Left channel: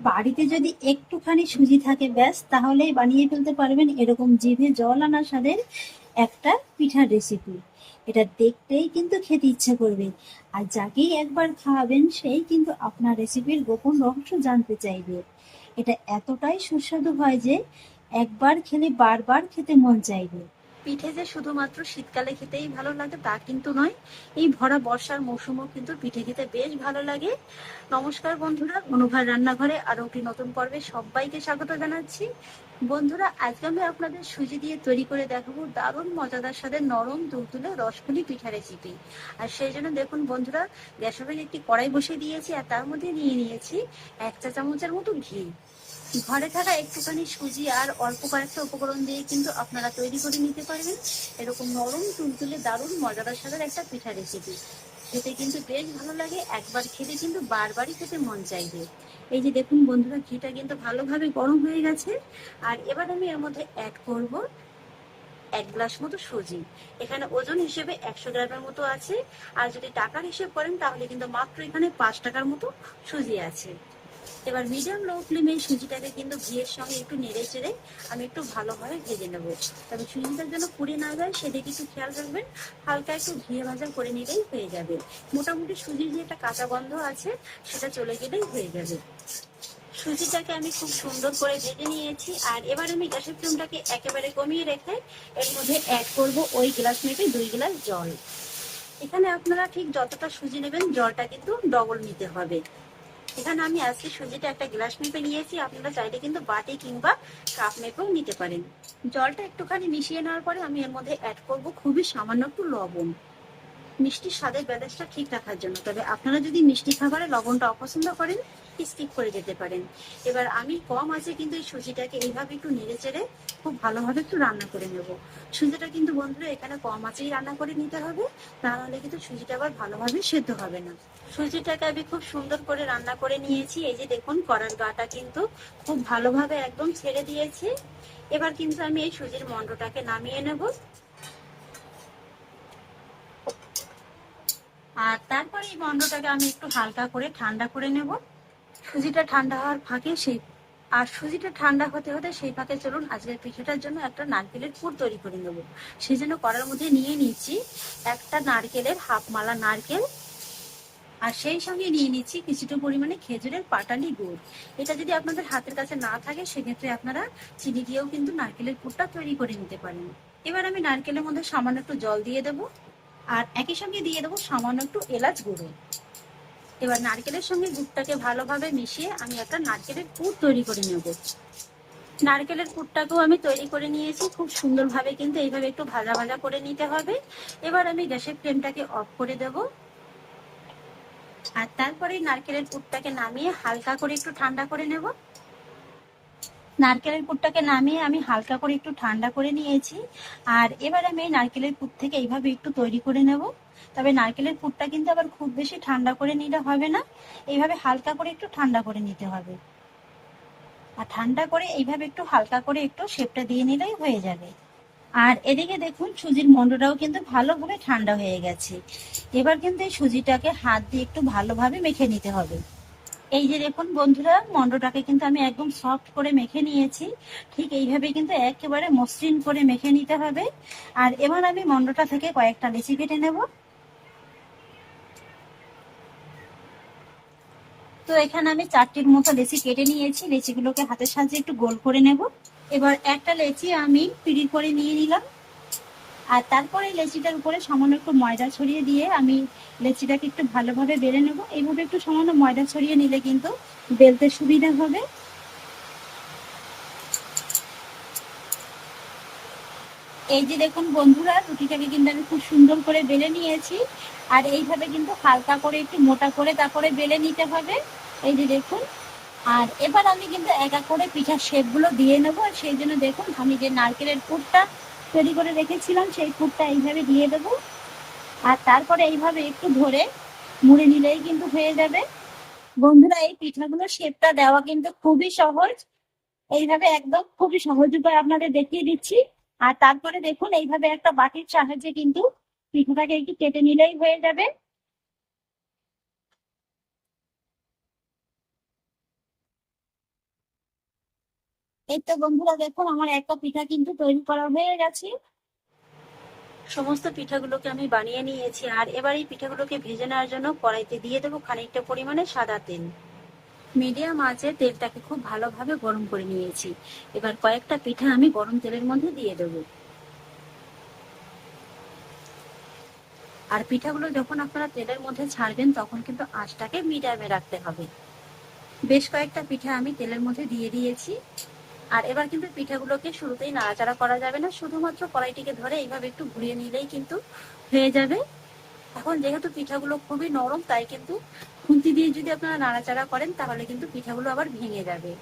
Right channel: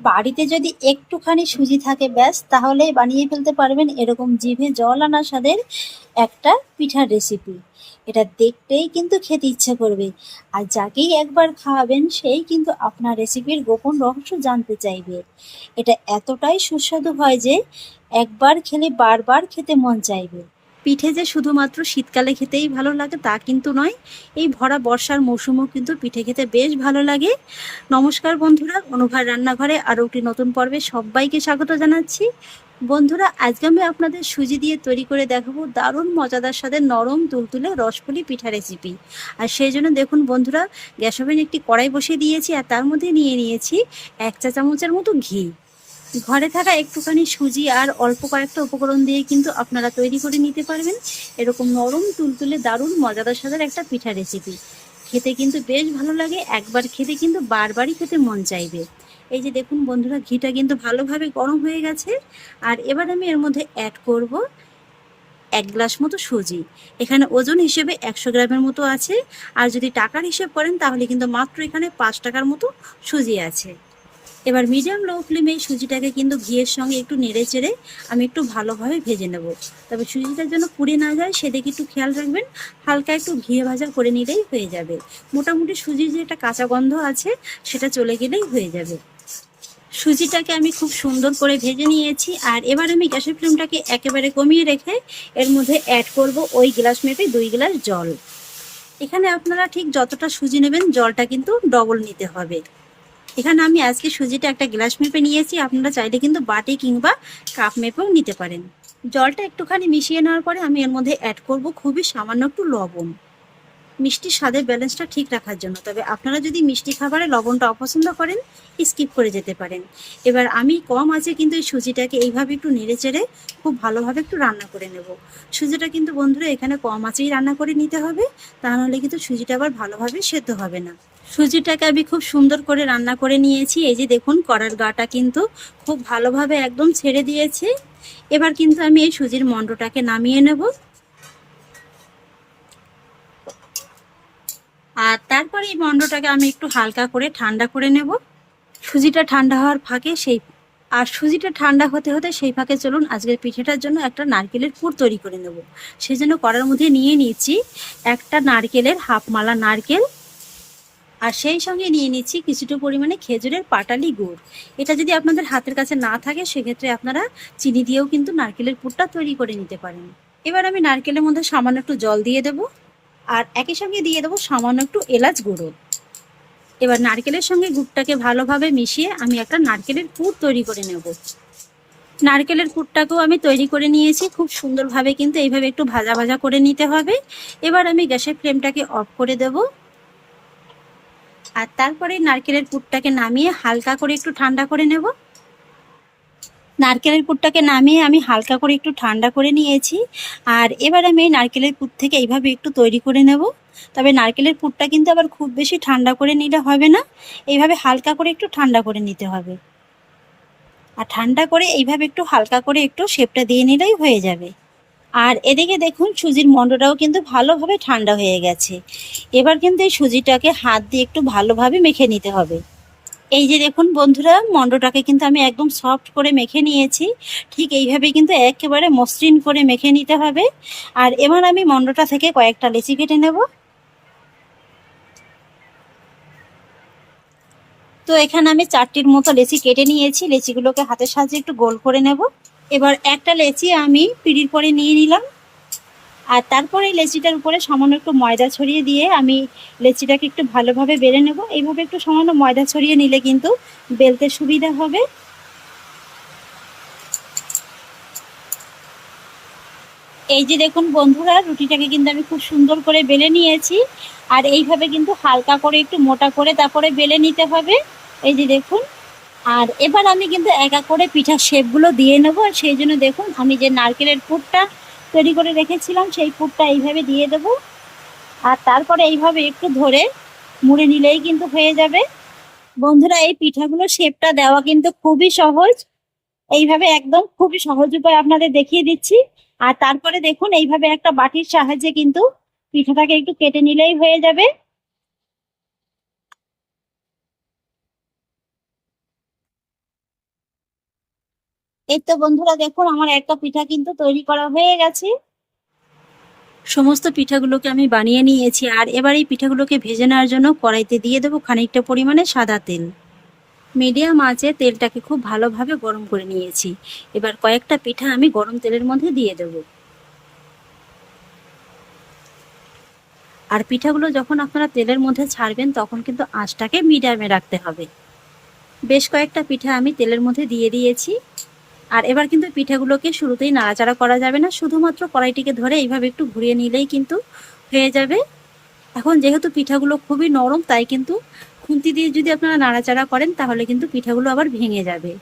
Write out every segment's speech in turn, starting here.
বাড়িতে যদি একটুখানি সুজি থাকে ব্যাস, তাহলেই বানিয়ে ফেলতে পারবেন এরকম জিভে জল আনা স্বাদের একটা পিঠার রেসিপি। এটা দেখতেই কিন্তু খেতে ইচ্ছে করবে, আর যাকেই একবার খাওয়াবেন সেই কিন্তু আপনার রেসিপির গোপন রহস্য জানতে চাইবে। এটা এতটাই সুস্বাদু হয় যে একবার খেলে বারবার খেতে মন চাইবে। পিঠে যে শুধুমাত্র শীতকালে খেতেই ভালো লাগে তা কিন্তু নয়, এই ভরা বর্ষার মৌসুমেও কিন্তু পিঠে খেতে বেশ ভালো লাগে। নমস্কার বন্ধুরা, অনুভার রান্নাঘরে আরও একটি নতুন পর্বে সবাইকে স্বাগত জানাচ্ছি। বন্ধুরা, আজকে আমি আপনাদের সুজি দিয়ে তৈরি করে দেখাবো দারুণ মজাদার স্বাদের নরম তুলতুলে রসপুলি পিঠা রেসিপি। আর সেই জন্য দেখুন বন্ধুরা, গ্যাস ওভেনে একটি কড়াই বসিয়ে দিয়েছি আর তার মধ্যে নিয়ে নিয়েছি 1 চা চামচের মতো ঘি। ঘরে থাকা একটুখানি সুজি আর অল্প কয়েকটা উপকরণ দিয়ে কিন্তু আপনারা তৈরি করে নিতে পারবেন এরকম নরম তুলতুলে দারুণ মজাদার স্বাদের একটা পিঠা রেসিপি। খেতে কিন্তু বেশ ভালো লাগে, একবার খেতে কিন্তু বারবারই খেতে মন চাইবে। এই যে দেখুন বন্ধুরা, ঘিটা কিন্তু ভালোভাবে গরম হয়ে গেছে। আর এবার আমি এর মধ্যে অ্যাড করব 1 গ্লাস মতো সুজি। এখানে ওজন হিসেবে 100 গ্রামের মতো আছে। আর যদি টাকার হিসেব করেন তাহলে কিন্তু মাত্র এখানে 5 টাকার মতো সুজি আছে। এবার মিডিয়াম লো ফ্লেমে সুজিটাকে কিন্তু ঘিয়ের সঙ্গে একটু নেড়ে চেড়ে আমি একটু ভালোভাবে ভেজে নেব। তবে সুজিটা যেন পুড়ে না যায় সেদিকে একটু খেয়াল রাখবেন। হালকা একটু ঘিয়ে ভাজা করে নিলেই হয়ে যাবে। মোটামুটি সুজির যে একটা কাঁচা গন্ধ আছে সেটা চলে গেলেই হয়ে যাবে। সুজিটাকে আমি খুব সুন্দর করে ভেজে নিয়েছি। আর এবার আমি গ্যাসের ফ্লেমটাকে একেবারে কমিয়ে রেখে এর মধ্যে অ্যাড করব ওই গ্লাস মেপে 2 গ্লাস জল। এখানে আপনারা ঠিক যতটা সুজি নেবেন জলটা কিন্তু ডবল নিতে হবে। এখানে আমি আজকে সুজিটা একটা গ্লাস মেপে নিয়েছি, আপনারা চাইলে কিন্তু বাটি কিংবা কাপ মেপেও নিতে পারেন। জলটা একটুখানি মিশিয়ে নেওয়ার পরে আমি এর মধ্যে অ্যাড করব খুবই সামান্য একটু লবণ, মিষ্টির স্বাদের ব্যালেন্সটা ঠিক রাখার জন্য। তবে আপনারা যদি মিষ্টি খাবারে লবণটা অপছন্দ করেন স্কিপ করে যেতে পারেন। এবার আমি কম আছে কিন্তু এই সুজিটাকে এইভাবে একটু নেড়ে চেড়ে খুব ভালোভাবে একটু রান্না করে নেব। সুজিটা কিন্তু বন্ধুরা এখানে কম আঁচেই রান্না করে নিতে হবে, তাহলে কিন্তু সুজিটা আবার ভালোভাবে সেদ্ধ হবে না। সুজিটাকে আমি খুব সুন্দর করে রান্না করে নিয়েছি। এই যে দেখুন কড়ার গাটা কিন্তু খুব ভালোভাবে একদম ছেড়ে দিয়েছে। এবার কিন্তু আমি এই সুজির মণ্ডটাকে নামিয়ে নেব। আর তারপরে এই মণ্ডটাকে আমি একটু হালকা করে ঠান্ডা করে নেব। সুজিটা ঠান্ডা হওয়ার ফাঁকে সুজিটা ঠান্ডা হতে হতে সেই ফাঁকে চলুন আজকের পিঠেটার জন্য একটা নারকেলের পুর তৈরি করে নেব। সেই জন্য কড়ার মধ্যে নিয়ে নিচ্ছি একটা নারকেলের হাফ মালা নারকেল। আর সেই সঙ্গে নিয়ে নিচ্ছি কিছুটা পরিমাণে খেজুরের পাটালি গুড়। এটা যদি আপনাদের হাতের কাছে না থাকে সেক্ষেত্রে আপনারা চিনি দিয়েও কিন্তু নারকেলের পুরটা তৈরি করে নিতে পারেন। এবার আমি নারকেলের মধ্যে সামান্য একটু জল দিয়ে দেবো। আর একই সঙ্গে দিয়ে দেবো সামান্য একটু এলাচ গুঁড়ো। এবার নারকেলের সঙ্গে গুড়টাকে ভালোভাবে মিশিয়ে আমি একটা নারকেলের পুর তৈরি করে নেব। নারকেলের পুরটাকেও আমি তৈরি করে নিয়েছি খুব সুন্দরভাবে, কিন্তু এইভাবে একটু ভাজা ভাজা করে নিতে হবে। এবার আমি গ্যাসের ফ্লেমটাকে অফ করে দেব। আর তারপরে নারকেলের পুরটাকে নামিয়ে হালকা করে একটু ঠান্ডা করে নেব। নারকেলের পুরটাকে নামিয়ে আমি হালকা করে একটু ঠান্ডা করে নিয়েছি। আর এবার আমি এই নারকেলের পুর থেকে এইভাবে একটু তৈরি করে নেব। তবে নারকেলের পুরটা কিন্তু আবার খুব বেশি ঠান্ডা করে নিলে হবে না, এইভাবে হালকা করে একটু ঠান্ডা করে নিতে হবে। আর ঠান্ডা করে এইভাবে একটু হালকা করে একটু শেপটা দিয়ে নিলেই হয়ে যাবে। আর এদিকে দেখুন সুজির মণ্ডটাও কিন্তু ভালোভাবে ঠান্ডা হয়ে গেছে। এবার কিন্তু এই সুজিটাকে হাত দিয়ে একটু ভালোভাবে মেখে নিতে হবে। এই যে দেখুন বন্ধুরা, মণ্ডটাকে কিন্তু আমি একদম সফট করে মেখে নিয়েছি। ঠিক এইভাবে কিন্তু একেবারে মসৃণ করে মেখে নিতে হবে। আর এবার আমি মণ্ডটা থেকে কয়েকটা লেচি কেটে নেব। তো এখানে আমি 4টির মতো লেচি কেটে নিয়েছি। লেচিগুলোকে হাতের সাহায্যে একটু গোল করে নেব। এবার একটা লেচি আমি পিঁড়ির করে নিয়ে নিলাম। আর তারপরে লেচিটার উপরে সামান্য একটু ময়দা ছড়িয়ে দিয়ে আমি লেচিটাকে একটু ভালোভাবে বেলে নেব। এইভাবে একটু সামান্য ময়দা ছড়িয়ে নিলে কিন্তু বেলতে সুবিধা হবে। এই যে দেখুন বন্ধুরা, রুটিটাকে কিন্তু আমি খুব সুন্দর করে বেলে নিয়েছি। আর এইভাবে কিন্তু হালকা করে একটু মোটা করে তারপরে বেলে নিতে হবে। এই যে দেখুন। আর এবার আমি কিন্তু এক এক করে পিঠার শেপগুলো দিয়ে নেব। আর সেই জন্য দেখুন আমি যে নারকেলের পুরটা তৈরি করে রেখেছিলাম সেই পুরটা এইভাবে দিয়ে দেব। আর তারপরে এইভাবে একটু ধরে মুড়ে নিলেই কিন্তু হয়ে যাবে। বন্ধুরা, এই পিঠাগুলোর শেপটা দেওয়া কিন্তু খুবই সহজ। এইভাবে একদম খুবই সহজ উপায় আপনাদের দেখিয়ে দিচ্ছি। আর তারপরে দেখুন এইভাবে একটা বাটির সাহায্যে কিন্তু পিঠাটাকে একটু কেটে নিলেই হয়ে যাবে। এই তো বন্ধুরা দেখুন আমার একটা পিঠা কিন্তু তৈরি করা হয়ে গেছে। সমস্ত পিঠাগুলোকে আমি বানিয়ে নিয়েছি আর এবার এই পিঠাগুলোকে ভেজে নেওয়ার জন্য কড়াইতে দিয়ে দেবো খানিকটা পরিমাণে সাদা তেল। মিডিয়াম আঁচে তেলটাকে খুব ভালোভাবে গরম করে নিয়েছি। এবার কয়েকটা পিঠা আমি গরম তেলের মধ্যে দিয়ে দেবো। আর পিঠাগুলো যখন আপনারা তেলের মধ্যে ছাড়বেন তখন কিন্তু আঁচটাকে মিডিয়ামে রাখতে হবে। বেশ কয়েকটা পিঠা আমি তেলের মধ্যে দিয়ে দিয়েছি। আর এবার কিন্তু পিঠাগুলোকে শুরুতেই নাড়াচাড়া করা যাবে না, শুধুমাত্র কড়াইটিকে ধরে এইভাবে একটু ঘুরিয়ে নিলেই কিন্তু হয়ে যাবে। এখন যেহেতু পিঠাগুলো খুবই নরম, তাই কিন্তু খুন্তি দিয়ে যদি আপনারা নাড়াচাড়া করেন তাহলে কিন্তু পিঠাগুলো আবার ভেঙে যাবে।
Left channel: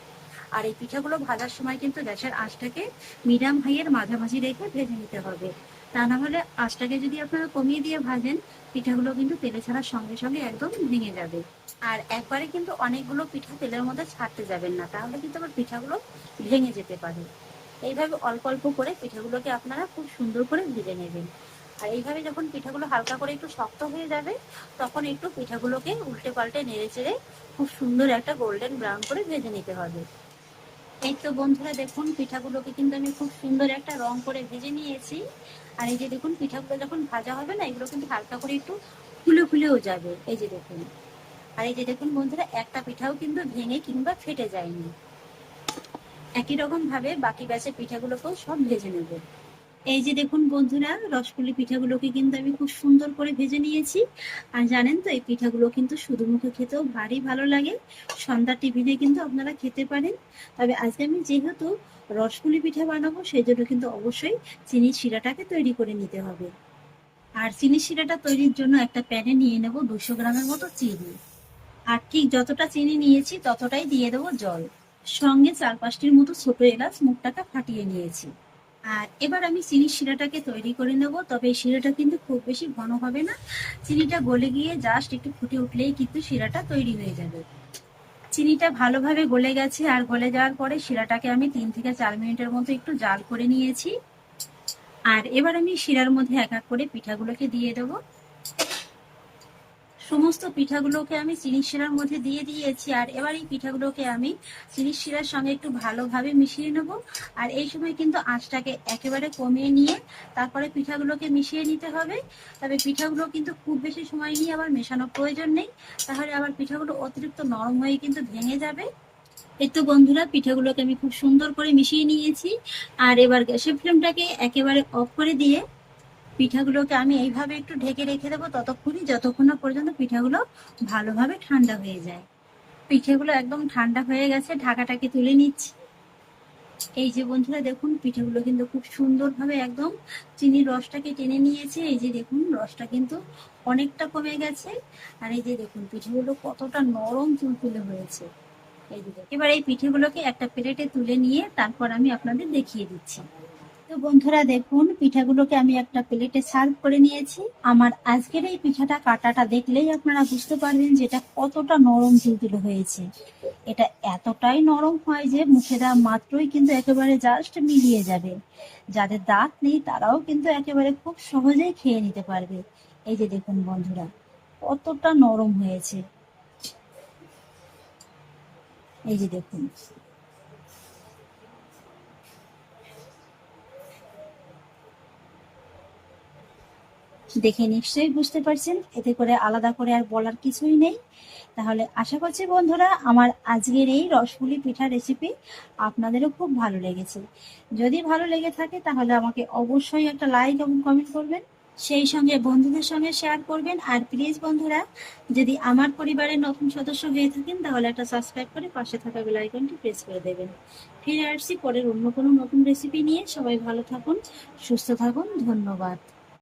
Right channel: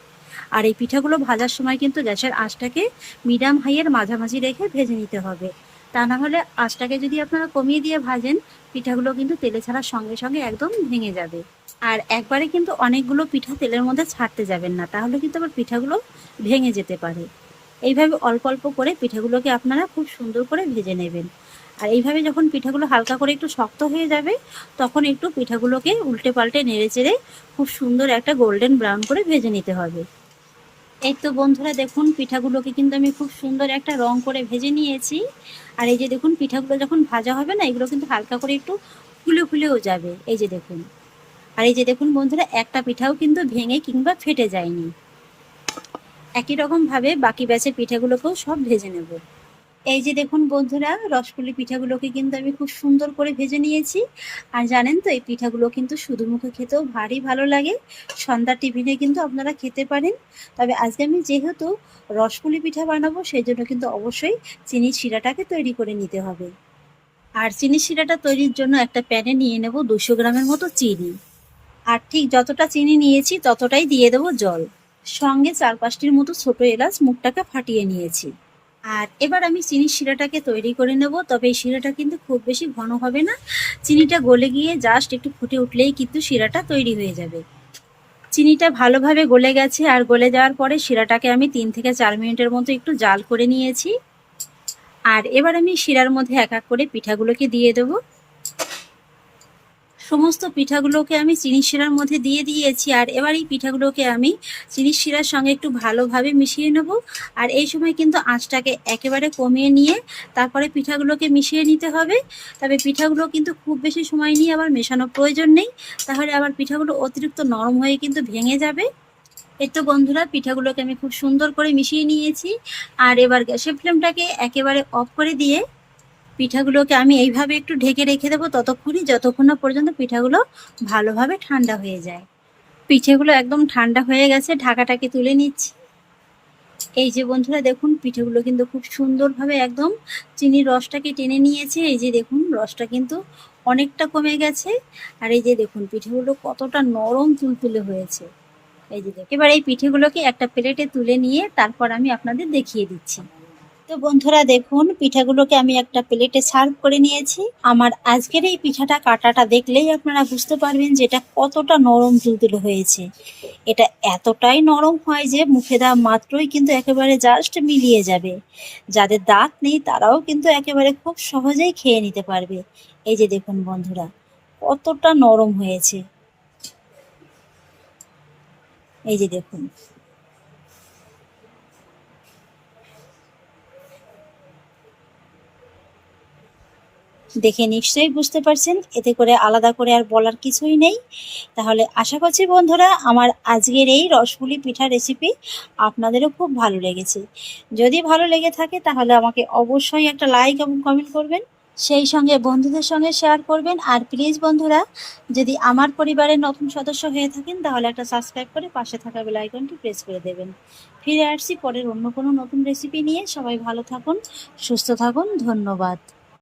আর এই পিঠাগুলো ভাজার সময় কিন্তু গ্যাসের আঁচটাকে মিডিয়াম হাইয়ের মাঝামাঝি রেখে ভেজে নিতে হবে। তা না হলে আঁচটাকে যদি আপনারা কমিয়ে দিয়ে ভাজেন, পিঠাগুলো কিন্তু তেলে ছাড়ার সঙ্গে সঙ্গে একদম ভেঙে যাবে। আর একবারে কিন্তু অনেকগুলো পিঠা তেলের মধ্যে ছাড়তে যাবেন না, তাহলে কিন্তু আবার পিঠাগুলো ভেঙে যেতে পারে। এইভাবে অল্প অল্প করে পিঠাগুলোকে আপনারা খুব সুন্দর করে ভেজে নেবেন। আর এইভাবে যখন পিঠাগুলো হালকা করে একটু শক্ত হয়ে যাবে, তখন একটু পিঠাগুলোকে উল্টে পাল্টে নেড়ে চেড়ে খুব সুন্দর একটা গোল্ডেন ব্রাউন করে ভেজে নিতে হবে। এই তো বন্ধুরা দেখুন পিঠাগুলোকে কিন্তু আমি খুব সুন্দর একটা রং করে ভেজে নিয়েছি। আর এই যে দেখুন পিঠাগুলো যখন ভাজা হবে না, এগুলো কিন্তু হালকা করে একটু ফুলে ফুলেও যাবে। এই যে দেখুন, আর এই যে দেখুন বন্ধুরা, একটা পিঠাও কিন্তু ভেঙে কিংবা ফেটে যায়নি। একই রকম ভাবে বাকি ব্যাচের পিঠাগুলোকেও সব ভেজে নেব। এই যে দেখুন বন্ধুরা, রসপুলি পিঠাগুলোকে কিন্তু আমি খুব সুন্দর করে ভেজে নিয়েছি। আর জানেন তো, এই পিঠাগুলো কিন্তু শুধু মুখে খেতেও ভারী ভালো লাগে। সন্ধ্যার টিফিনে কিন্তু আপনারা খেতে পারেন। তবে আজকে আমি যেহেতু রসপুলি পিঠা বানাবো, সেই জন্য কিন্তু অবশ্যই চিনির শিরাটাকে তৈরি করে নিতে হবে। আর চিনির শিরাটা তৈরির জন্য একটা প্যানে নিয়ে নেব 200 গ্রামের মতো চিনি। আর ঠিক যতটা চিনি নিয়েছি ততটাই দিয়ে দেবো জল। সঙ্গে 4-5টির মতো ছোট এলাচ মুখটাকে ফাটিয়ে নিয়েছি। আর এবার আমি চিনির শিরাটাকে তৈরি করে নেব। তবে এই শিরাটা কিন্তু খুব বেশি ঘন হবে না, চিনিটা গলে গিয়ে জাস্ট একটু ফুটে উঠলেই কিন্তু শিরাটা তৈরি হয়ে যাবে। চিনিটা ভালোভাবে গলে গেছে, আর গলে যাওয়ার পরে শিরাটাকে আমি 3 থেকে 4 মিনিটের মতো একটু জাল করে নিয়েছি। আর এবার আমি শিরার মধ্যে এক এক করে পিঠাগুলোকে দিয়ে দেবো। সমস্ত পিঠাগুলোকে আমি চিনির শিরার মধ্যে দিয়ে দিয়েছি। আর এবার এই পিঠাগুলোকে আমি চিনির শিরার সঙ্গে একটু ভালোভাবে মিশিয়ে নেব। আর এই সময় কিন্তু আঁচটাকে একেবারে কমিয়ে নিয়ে তারপরে পিঠাগুলোকে মিশিয়ে নিতে হবে। তবে পিঠাগুলো কিন্তু খুব বেশি সময় নিয়ে আবার মেশানোর প্রয়োজন নেই, তাহলে আবার পিঠাগুলো অতিরিক্ত নরম হয়ে কিন্তু ভেঙে যাবে। এই তো বন্ধুরা, পিঠাগুলোকে আমি খুব সুন্দর করে মিশিয়ে নিয়েছি। আর এবার গ্যাসের ফ্লেমটাকে একেবারে অফ করে দিয়ে পিঠাগুলোকে আমি এইভাবে একটু ঢেকে রেখে দেবো ততক্ষণই, যতক্ষণ না পর্যন্ত পিঠাগুলো ভালোভাবে ঠান্ডা হয়ে যায়। পিঠেগুলো একদম ঠান্ডা হয়ে গেছে, ঢাকাটাকে তুলে নিচ্ছি। এই যে বন্ধুরা দেখুন, পিঠেগুলো কিন্তু খুব সুন্দরভাবে একদম চিনির রসটাকে টেনে নিয়েছে। এই যে দেখুন, রসটা কিন্তু অনেকটা কমে গেছে। আর এই যে দেখুন পিঠেগুলো কতটা নরম তুলতুলে হয়েছে। এই যে দেখুন, এবার এই পিঠেগুলোকে একটা প্লেটে তুলে নিয়ে তারপর আমি আপনাদের দেখিয়ে দিচ্ছি। তো বন্ধুরা দেখুন, পিঠাগুলোকে আমি একটা প্লেটে সার্ভ করে নিয়েছি। আমার আজকের এই পিঠাটা কাটাটা দেখলেই আপনারা বুঝতে পারবেন যে এটা কতটা নরম তুলতুলে হয়েছে। এটা এতটাই নরম হয় যে মুখে দেওয়া মাত্রই কিন্তু একেবারে জাস্ট মিলিয়ে যাবে। যাদের দাঁত নেই তারাও কিন্তু একেবারে খুব সহজেই খেয়ে নিতে পারবে। এই যে দেখুন বন্ধুরা, কতটা নরম হয়েছে। এই যে দেখুন, দেখে নিশ্চয়ই বুঝতে পারছেন, এতে করে আলাদা করে আর বলার কিছুই নেই। তাহলে আশা করছি বন্ধুরা, আমার আজকের এই রসপুলি পিঠা রেসিপি আপনাদেরও খুব ভালো লেগেছে। যদি ভালো লেগে থাকে তাহলে আমাকে অবশ্যই একটা লাইক এবং কমেন্ট করবেন, সেই সঙ্গে বন্ধুদের সঙ্গে শেয়ার করবেন। আর প্লিজ বন্ধুরা, যদি আমার পরিবারের নতুন সদস্য হয়ে থাকেন তাহলে একটা সাবস্ক্রাইব করে পাশে থাকা বেল আইকনটি প্রেস করে দেবেন। ফিরে আসছি পরের অন্য কোনো নতুন রেসিপি নিয়ে। সবাই ভালো থাকুন, সুস্থ থাকুন, ধন্যবাদ।